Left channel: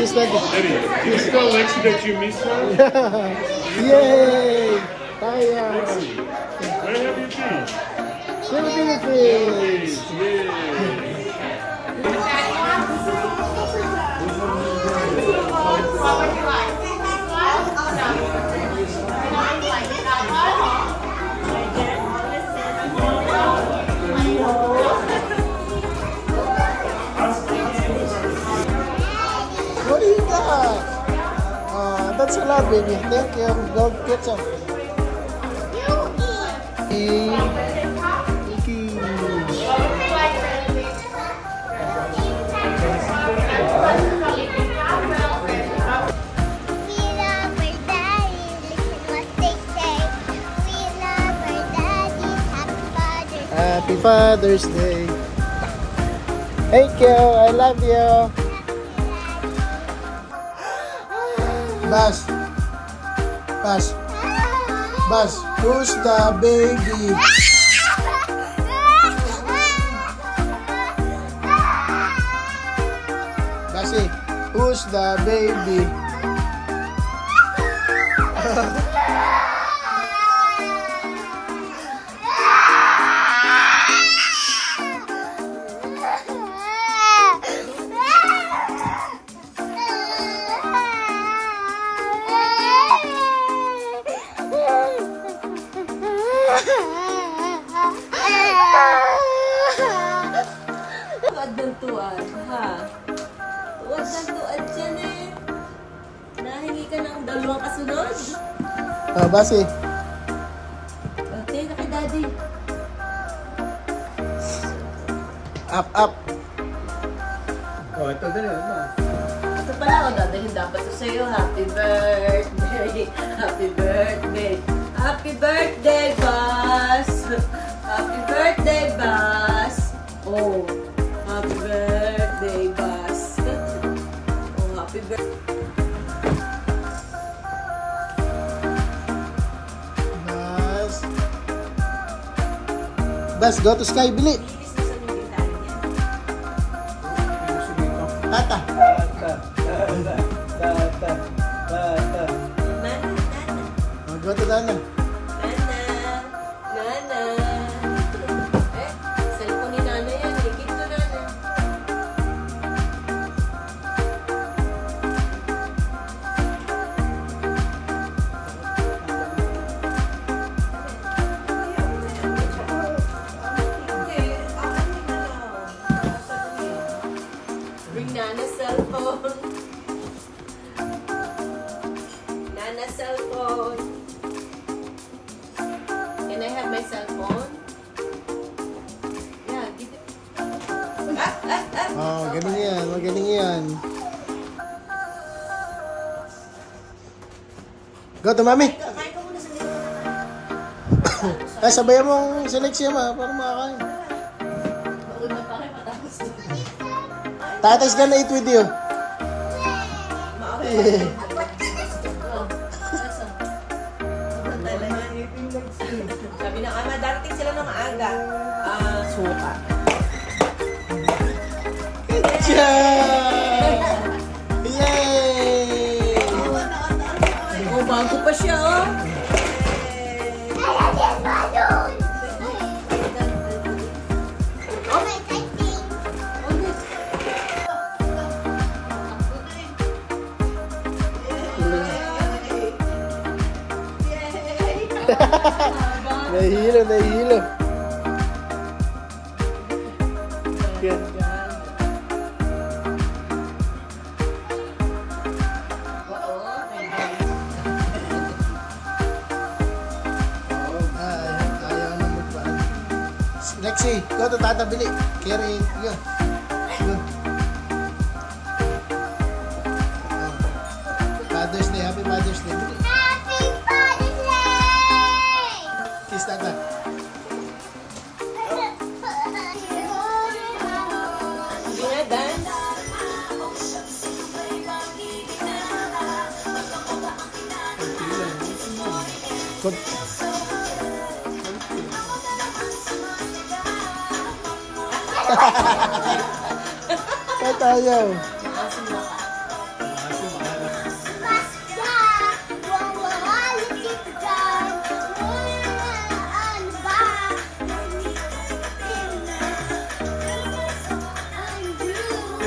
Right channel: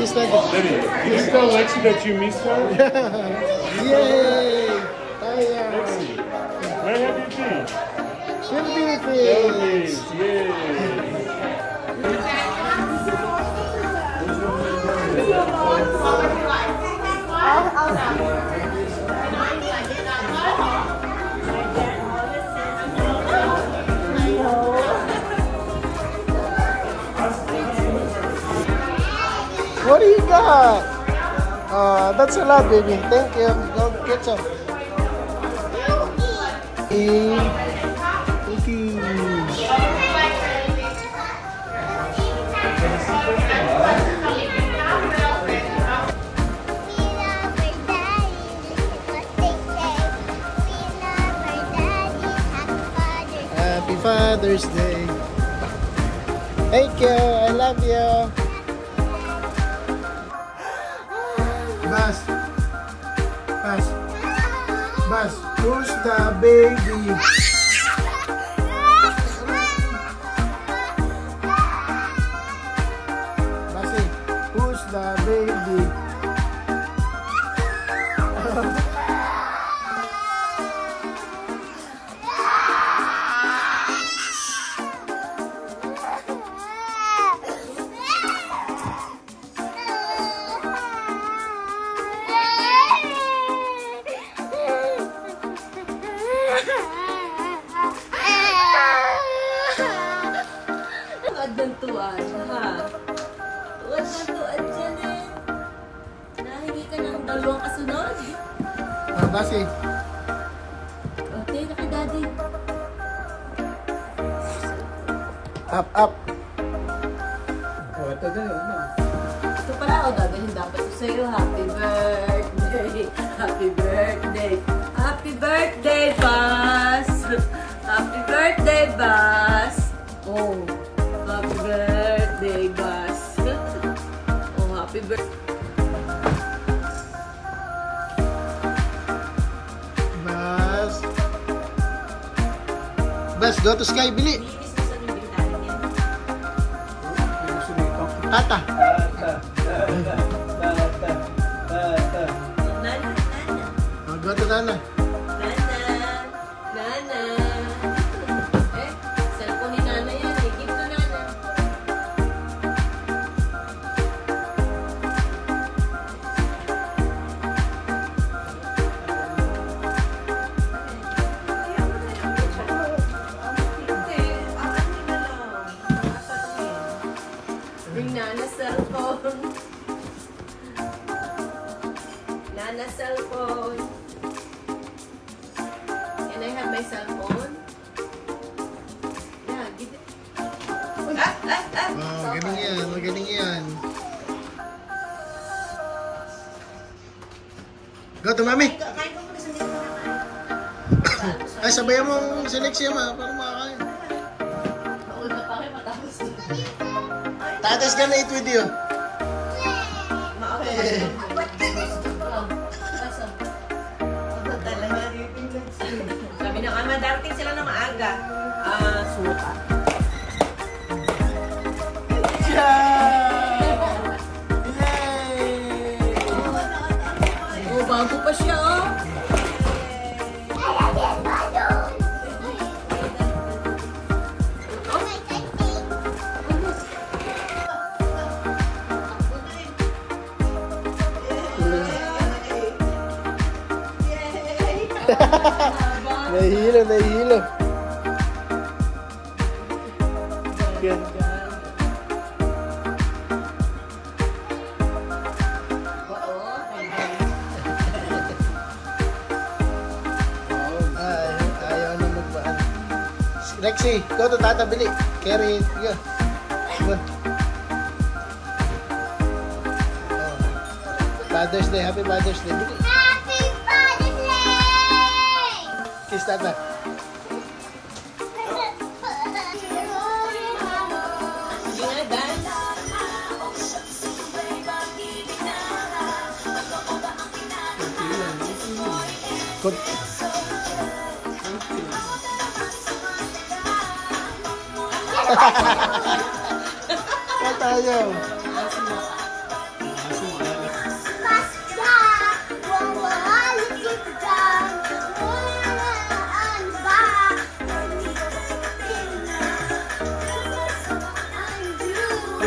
He's like This is not Lexi that you missed one? Yay! Tayo! Where have you been? Philippines! What do you got? That's a lot, baby. Thank you. Go get some. Eat. Happy Father's Day. Thank you. I love you. Bas, Bas, Bas, who's the baby? Basi, who's the baby? Tuwad ng tuwad, ha? Tuwad ng tuwad yan eh. Nahingi ka ng 2 kasunod. Basi. Okay, na kay daddy. Up, up. Oh, ito ganyan na. Ito pala, o dadalhin dapat ito sa'yo. Happy birthday! Happy birthday! Happy birthday, Bas! Happy birthday, Bas! Oh, happy birthday, Bas! Oh, happy birthday! Bas. Bas, go to Sky, bili. Inis na sa nibitahan yan. Tata. Oh, Nana, Nana. Go to Nana. Nana! Eh, cellphone ni Nana yan. Eh, give to Nana. Bring Nana's cellphone. Nana's cellphone. Can I have my cell phone? Yeah, give it. Oh, magaling yan. Magaling yan. Go to Mami. Kain ka muna sa nito. Ay, sabayan mo ang seleksyon ma para makakain. Mauna pa kayo matapos dito. Tata's gonna eat with you. Mauna. Oh, nasa. Sabi ng ama, darating sila ng maaga. Suka. Tiyan! Yay! Oh, bago pa siya, oh. Nahihilo, nahihilo. Yan. Ayaw na magbaan. Lexi, go to Tata Bili. Carry, go. Go. Oh. Father's Day, happy Father's Day. Bili. Happy Father's Day! Kiss Tata. Hindi na, dance. Good. Tatayo.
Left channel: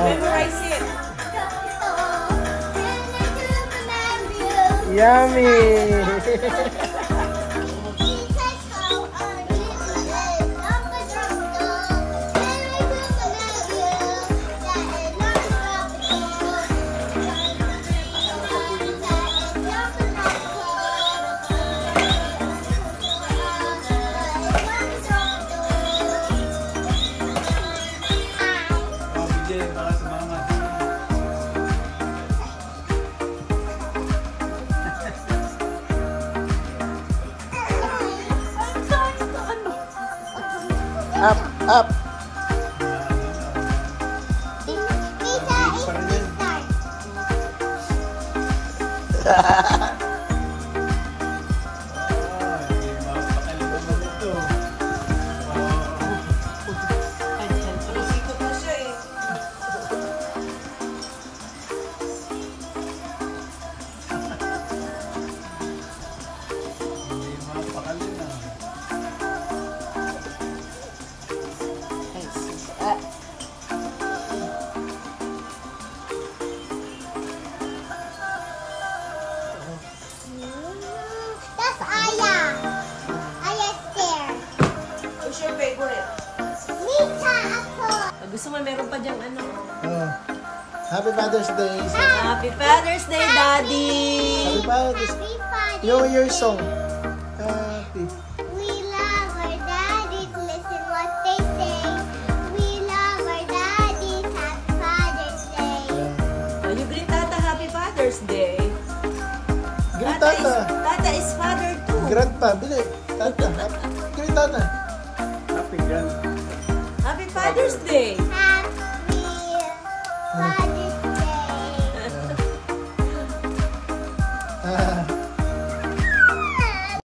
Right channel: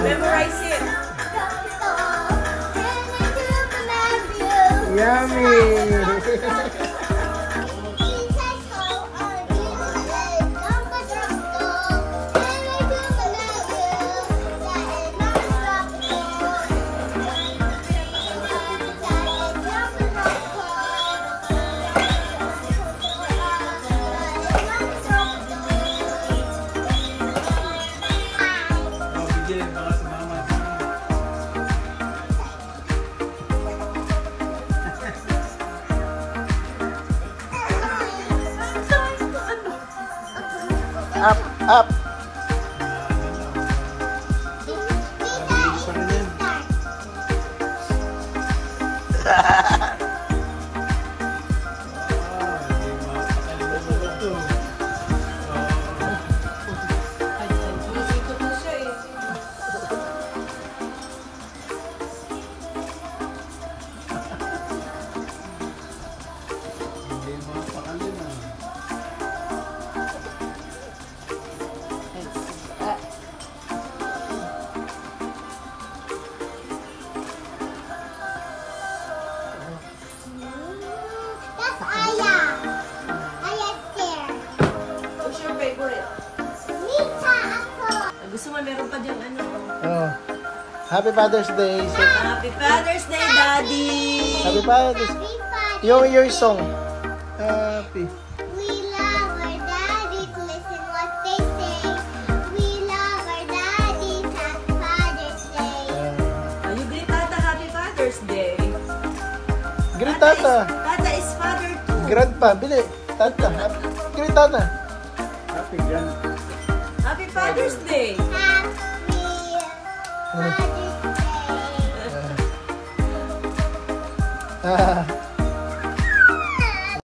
Memorize it. Yummy. Up, up. Dito po siya, eh. That's Aya. Aya's there. What's your favorite? Mita ako. Gusto mo meron pa diyang ano? Oh. Happy Father's Day. Happy Father's Day, Daddy! Happy Father's Happy Father's Your Day. song. Happy. We love our daddies. Listen what they say. We love our daddies. Happy Father's Day. You greet Tata Happy Father's Day. Greet Tata. Tata is father too. Grandpa, Bili. Tata. Greet Tata. Happy grand. Happy Father's Day. Happy Father's Day. Ah.